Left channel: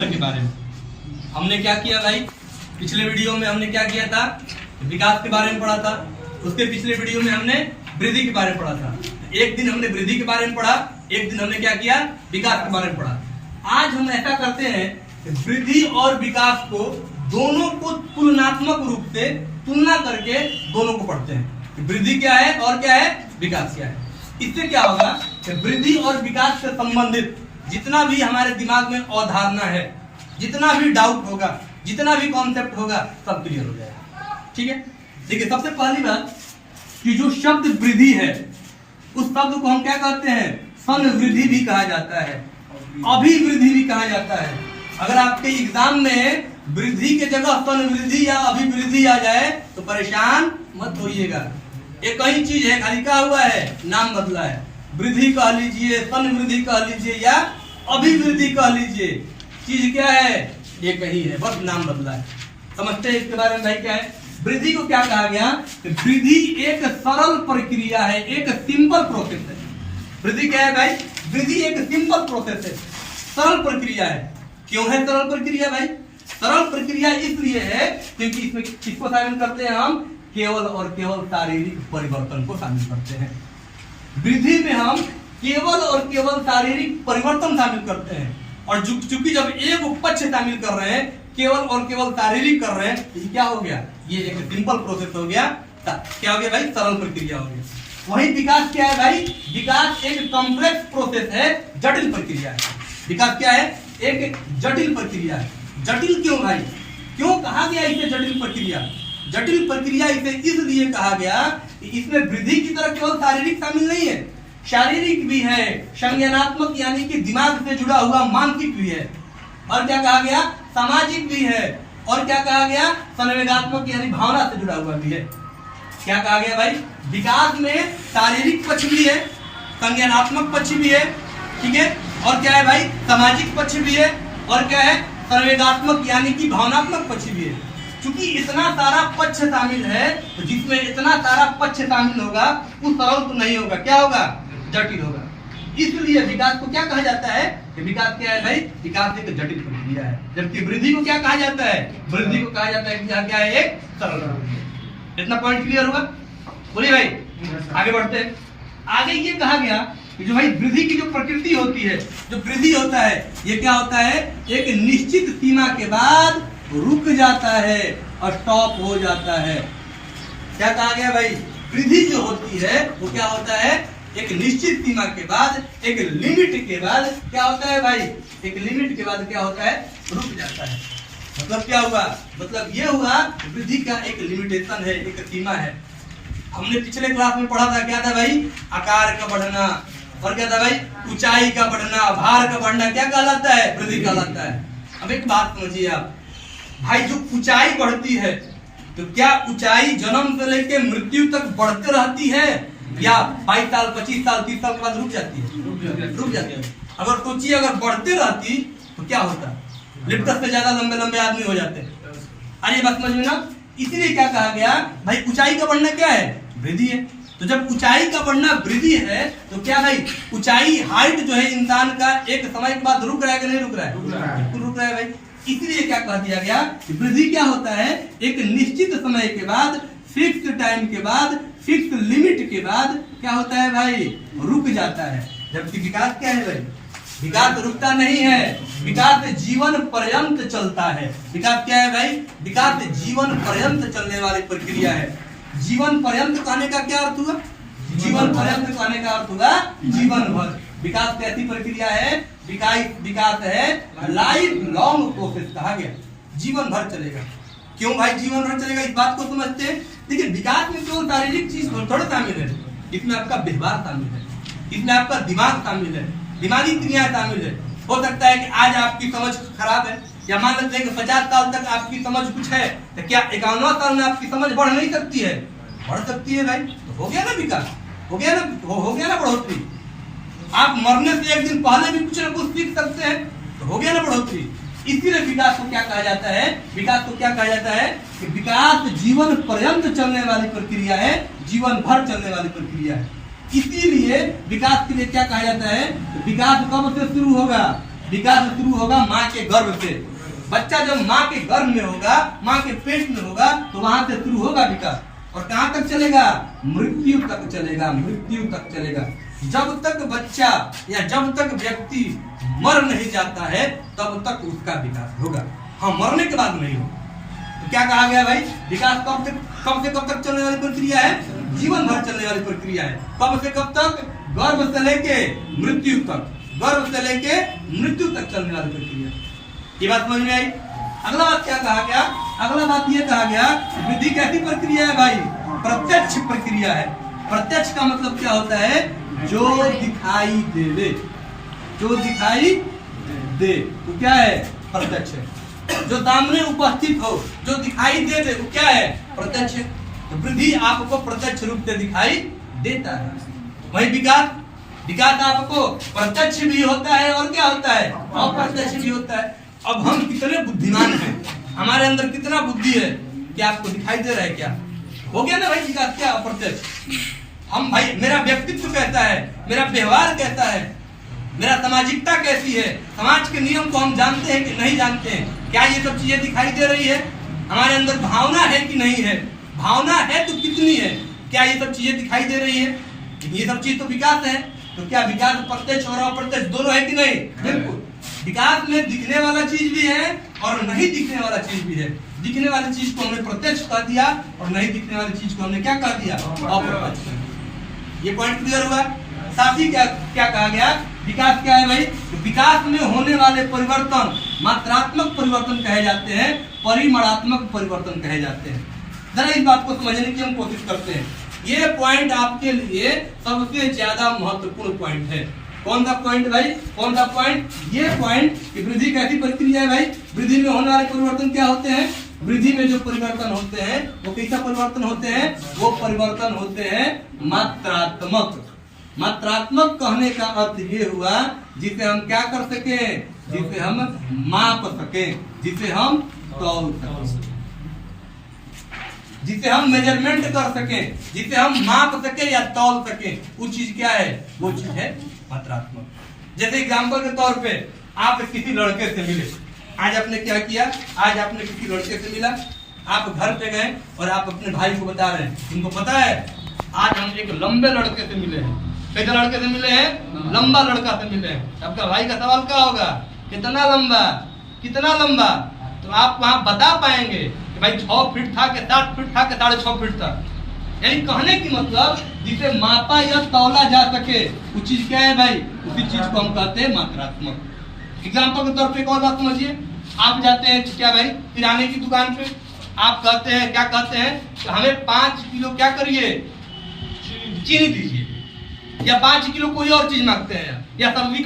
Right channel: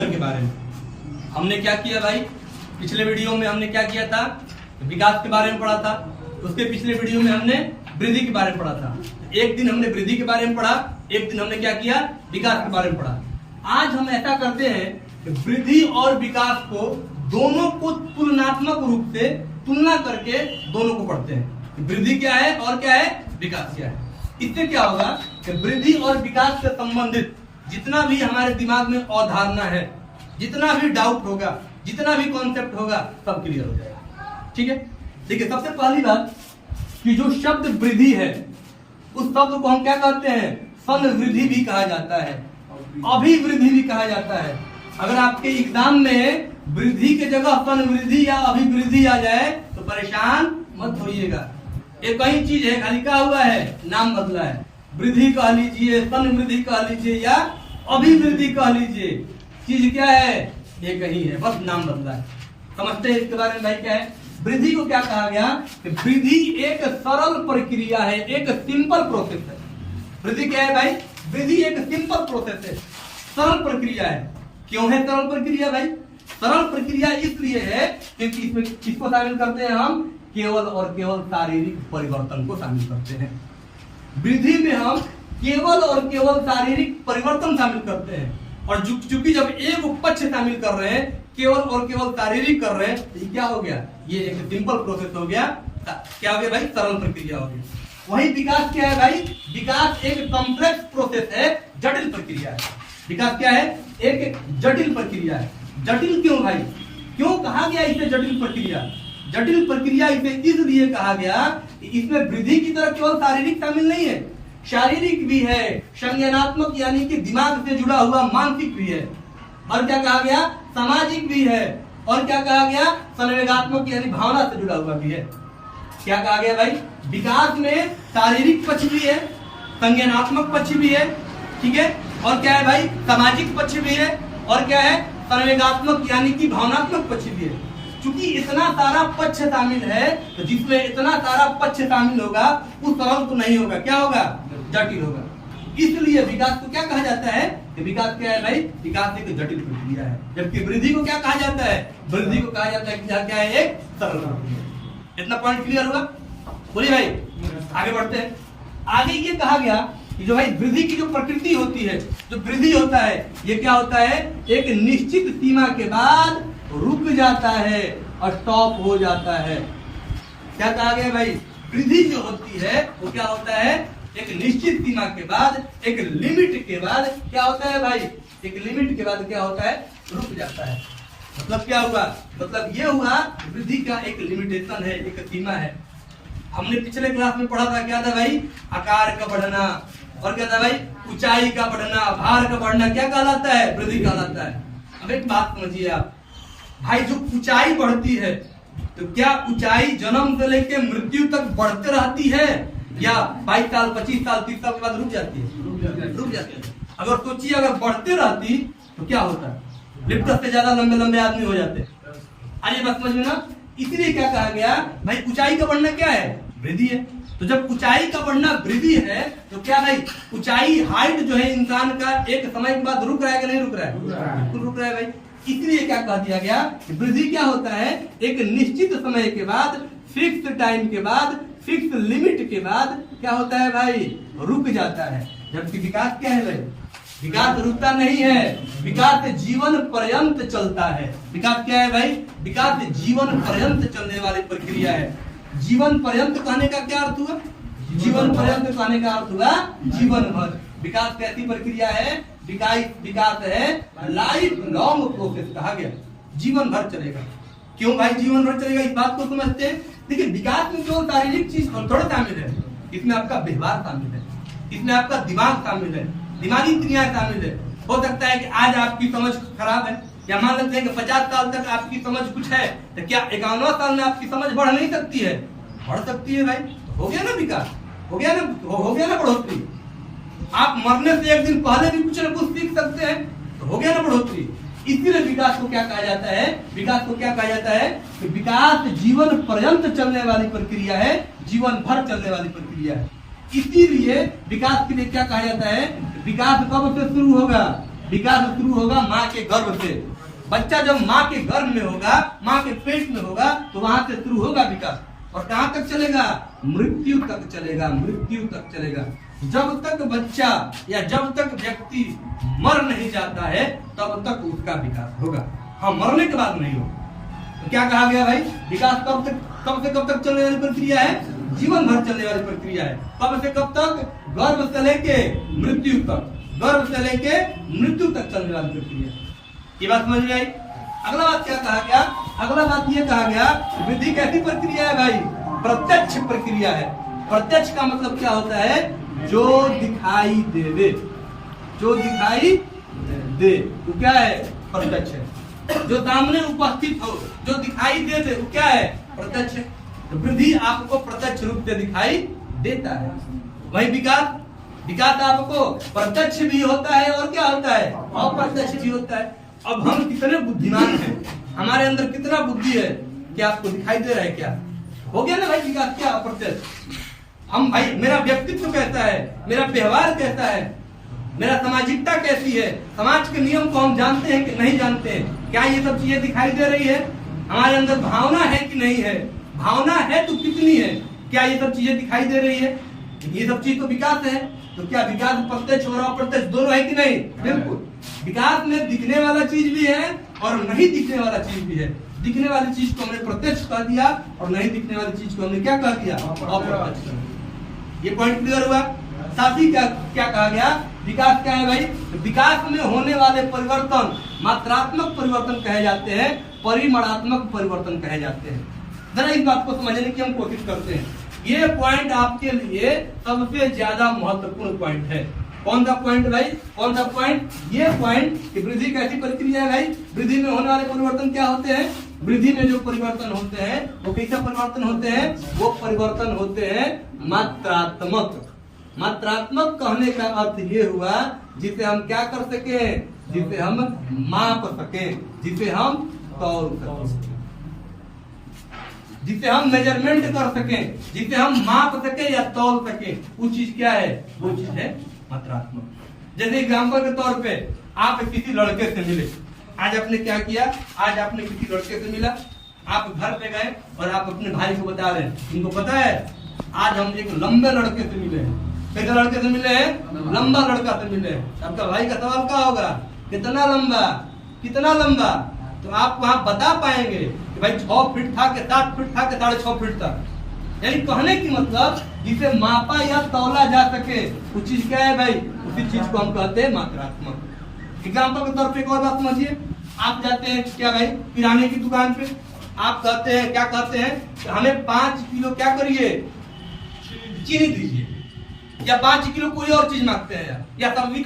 के बारे में हमने क्या किया भाई, पिछले वीडियो में हमने क्या किया था, विकास के बारे में पढ़ा था। उसके पिछले वीडियो में हमने वृद्धि के बारे में पढ़ा था। एक दिन हमने वृद्धि के बारे में पढ़ा, एक दिन हमने क्या किया, विकास के बारे में पढ़ा। आज हम ऐसा करते हैं कि वृद्धि और विकास को दोनों को तुलनात्मक रूप से तुलना करके दोनों को पढ़ते हैं। वृद्धि क्या है और क्या है, विकास क्या है। इससे क्या होगा कि वृद्धि और विकास से संबंधित जितना भी हमारे दिमाग में अवधारणा है, जितना भी डाउट होगा, जितना भी कॉन्सेप्ट होगा, सब क्लियर हो जाएगा। ठीक है, देखिए सबसे पहली बात कि जो शब्द वृद्धि है उस शब्द को हम क्या कहते हैं, संवृद्धि भी कहा जाता है, अभिवृद्धि भी कहा जाता है। अगर आपके एग्जाम में वृद्धि के जगह संवृद्धि या अभिवृद्धि आ जाए तो परेशान मत होइएगा। एक ही चीज है, खाली क्या हुआ है, नाम बदला है। वृद्धि कह लीजिए, संवृद्धि कह लीजिए या अभिवृद्धि कह लीजिए, चीज क्या है, एक ही है, बस नाम बदला है। समझते हैं इसके बारे में भाई क्या है। वृद्धि को क्या कहा गया, वृद्धि एक सरल प्रक्रिया है, एक सिंपल प्रोसेस है। वृद्धि क्या है भाई, वृद्धि एक सिंपल प्रोसेस है, सरल प्रक्रिया है। क्यों है सरल प्रक्रिया भाई, सरल प्रक्रिया इसलिए है क्योंकि इसमें किसको शामिल करते हैं हम, केवल और केवल शारीरिक परिवर्तन को शामिल करते हैं। वृद्धि में हम केवल और केवल शारीरिक परिवर्तन शामिल करते हैं, और चूंकि जब एक पक्ष शामिल कर रहे हैं, केवल और केवल शारीरिक कर रहे हैं, तो क्या हो गया, ये एक सिंपल प्रोसेस हो गया। क्या हो गया भाई, सरल प्रक्रिया हो गई। वही विकास क्या है भाई, विकास एक कॉम्प्लेक्स प्रोसेस है, जटिल प्रक्रिया है। विकास क्या है, एक जटिल प्रक्रिया है। जटिल क्यों भाई, क्यों कहा गया इसे जटिल प्रक्रिया। जटिल प्रक्रिया इसे इसलिए कहा गया कि इसमें वृद्धि की तरह केवल शारीरिक शामिल नहीं है, शारीरिक भी है, संज्ञानात्मक यानी कि दिमाग से जुड़ा हुआ मानसिक भी है, और क्या कहा गया, सामाजिक भी है, और क्या कहा गया, संवेगात्मक यानी भावना से जुड़ा हुआ भी है। क्या कहा गया भाई, विकास में शारीरिक पक्ष भी है, संज्ञानात्मक पक्ष भी है, ठीक है, और क्या है भाई, सामाजिक पक्ष भी है, और क्या है, संवेगात्मक यानी कि भावनात्मक पक्ष भी है। क्योंकि इतना सारा पक्ष शामिल है, तो जिसमें इतना सारा पक्ष शामिल होगा वो सरल तो नहीं होगा, क्या होगा, जटिल होगा। इसलिए विकास को क्या कहा जाता है, कि विकास क्या है भाई, विकास एक जटिल प्रक्रिया है। जबकि वृद्धि को क्या कहा जाता है, वृद्धि को कहा जाता है कि क्या है, एक सरल प्रक्रिया। इतना पॉइंट क्लियर हुआ, बोलिए भाई। आगे बढ़ते हैं। आगे ये कहा गया कि जो भाई वृद्धि की जो प्रकृति होती है, जो वृद्धि होता है, ये क्या होता है, एक निश्चित सीमा के बाद रुक जाता है और स्टॉप हो जाता है। क्या कहा गया भाई, वृद्धि जो होती है वो क्या होता है, एक निश्चित सीमा के बाद, एक लिमिट के बाद क्या होता है भाई, एक लिमिट के बाद क्या होता है, रुक जाता है। मतलब क्या हुआ, मतलब ये हुआ वृद्धि का एक लिमिटेशन है, एक सीमा है। हमने पिछले क्लास में पढ़ा था, क्या था भाई, आकार का बढ़ना, और क्या था भाई, ऊंचाई का बढ़ना, भार का बढ़ना, क्या कहलाता है, वृद्धि कहलाता है। अब एक बात समझिए आप भाई, जो ऊंचाई बढ़ती है तो क्या ऊंचाई जन्म से लेकर मृत्यु तक बढ़ते रहती है, या 22 साल 25 साल 30 साल के बाद रुक जाती है, रुक जाती है। अगर सोचिए अगर बढ़ते रहती तो क्या होता, लिफ्ट से ज्यादा लंबे लंबे आदमी हो जाते। अरे बात समझ में ना। इसीलिए क्या कहा गया भाई, ऊंचाई का बढ़ना क्या है, वृद्धि है। तो जब ऊंचाई का बढ़ना वृद्धि है तो क्या भाई, ऊंचाई हाइट जो है इंसान का एक समय के बाद रुक रहा है कि नहीं रुक रहा है, बिल्कुल रुक रहा है भाई। इसलिए क्या कह दिया गया कि वृद्धि क्या होता है, एक निश्चित समय के बाद, फिक्स टाइम के बाद, फिक्स लिमिट के बाद क्या होता है भाई, रुक जाता है। जबकि विकास क्या है भाई, विकास रुकता नहीं है, विकास जीवन पर्यंत चलता है। विकास क्या है भाई, विकास जीवन पर्यंत चलने वाली प्रक्रिया है। जीवन पर्यंत कहने का क्या अर्थ हुआ, जीवन पर्यंत कहने का अर्थ हुआ जीवन भर। विकास कैसी प्रक्रिया है, विकास है लाइफ लॉन्ग प्रोसेस कहा गया, जीवन भर चलेगा। क्यों भाई जीवन भर चलेगा, इस बात को समझते हैं। देखिए विकास में केवल शारीरिक चीज थोड़ा शामिल है, इसमें आपका व्यवहार शामिल है, इसमें आपका दिमाग शामिल है, दिमागी क्रिया शामिल है। हो सकता है कि आज आपकी समझ खराब है, या मान लेते हैं कि 50 साल तक आपकी समझ कुछ है, तो क्या 51वां साल में आपकी समझ बढ़ नहीं सकती है, बढ़ सकती है भाई। तो हो गया ना विकास, हो गया ना बढ़ोतरी। आप मरने से एक दिन पहले भी कुछ ना कुछ सीख सकते हैं, तो हो गया ना बढ़ोतरी। इसीलिए विकास को क्या कहा जाता है, विकास को क्या कहा जाता है कि विकास जीवन पर्यंत चलने वाली प्रक्रिया है, जीवन भर चलने वाली प्रक्रिया है। इसीलिए विकास के लिए क्या कहा जाता है, विकास कब से शुरू होगा, विकास शुरू होगा माँ के गर्भ से। बच्चा जब माँ के गर्भ में होगा, माँ के पेट में होगा, तो वहां से शुरू होगा विकास। और कहां तक चलेगा? मृत्यु तक चलेगा, मृत्यु तक चलेगा। जब तक बच्चा या जब तक व्यक्ति मर नहीं जाता है तब तक उसका विकास होगा। हाँ, मरने के बाद नहीं होगा। तो क्या कहा गया भाई? विकास कब से कब तक चलने वाली प्रक्रिया है? जीवन भर चलने वाली प्रक्रिया है। कब से कब तक? गर्भ से लेके मृत्यु तक, गर्भ से लेके मृत्यु तक चलने वाली प्रक्रिया। ये बात समझ में आई? अगला बात क्या कहा गया? अगला बात ये कहा गया, वृद्धि कैसी प्रक्रिया है भाई? प्रत्यक्ष प्रक्रिया है। प्रत्यक्ष का मतलब क्या होता है? जो दिखाई देवे, जो दिखाई दे वो क्या है? प्रत्यक्ष है। जो सामने उपस्थित हो, जो दिखाई दे दे वो क्या है? प्रत्यक्ष है। तो वृद्धि आपको प्रत्यक्ष रूप से दिखाई देता है। वही विकास, विकास आपको प्रत्यक्ष भी होता है और क्या होता है? अप्रत्यक्ष भी होता है। अब हम कितने बुद्धिमान हैं, हमारे अंदर कितना बुद्धि है, क्या आपको दिखाई दे रहा है? क्या हो गया ना भाई विकास? क्या अप्रत्यक्ष? हम भाई, मेरा व्यक्तित्व कैसा है, मेरा व्यवहार कैसा है, मेरा सामाजिकता कैसी है, समाज के नियम को हम जानते हैं कि नहीं जानते हैं? क्या ये सब चीजें दिखाई दे रही है? हमारे अंदर भावना है कि नहीं है? भावना है तो कितनी है? क्या ये सब चीजें दिखाई दे रही है? ये सब चीज तो विकास है। तो क्या विकास प्रत्यक्ष और अप्रत्यक्ष दोनों है कि नहीं? बिल्कुल। विकास में दिखने वाला चीज भी है और नहीं दिखने वाला चीज भी है। दिखने वाली चीज को हमने प्रत्यक्ष कह दिया और नहीं दिखने वाली चीज को हमने क्या कह दिया? अप्रत्यक्ष। ये पॉइंट क्लियर हुआ? साथ ही क्या कहा गया? विकास क्या है भाई? विकास में होने वाले परिवर्तन मात्रात्मक परिवर्तन कहे जाते हैं, परिमाणात्मक परिवर्तन कहे जाते हैं। जरा इस बात को समझने की हम कोशिश करते हैं। ये पॉइंट आपके लिए सबसे ज्यादा महत्वपूर्ण पॉइंट है। कौन सा पॉइंट भाई? कौन सा पॉइंट? ये पॉइंट कि वृद्धि कैसी प्रक्रिया है भाई? वृद्धि में होने वाले परिवर्तन क्या होते हैं? वृद्धि में जो परिवर्तन होते हैं वो कैसा परिवर्तन होते हैं? वो परिवर्तन होते हैं मात्रात्मक। मात्रात्मक कहने का अर्थ ये हुआ जिसे हम क्या कर सके? जिसे हम माप सके, जिसे हम तौल सके, जिसे हम मेजरमेंट कर सके, जिसे हम माप सके या तौल सके। वो चीज क्या है? वो चीज है मात्रात्मक। जैसे एग्जाम्पल के तौर पे आप किसी लड़के से मिले, आज आपने क्या किया? आज आपने किसी लड़के से मिला, आप घर पे गए और आप अपने भाई को बता रहे हैं, तुमको पता है आज हम एक लंबे लड़के से मिले हैं। कैसे लड़के से मिले हैं? लंबा लड़का से मिले हैं। आपका भाई का सवाल क्या होगा? कितना लंबा, कितना लंबा? तो आप वहां बता पाएंगे कि भाई 6 फीट था कि 7 फीट था कि 6.5 फीट था। यानी कहने की मतलब जिसे मापा या तौला जा सके वो चीज क्या है भाई? उसी चीज को हम कहते हैं मात्रात्मक। एग्जाम्पल के तौर पे एक और बात समझिए। आप जाते हैं क्या भाई? किराने की दुकान पे। आप कहते हैं, क्या कहते हैं कि हमें 5 किलो क्या करिए? चीनी दीजिए, या 5 किलो कोई और चीज मांगते हैं, या सब्जी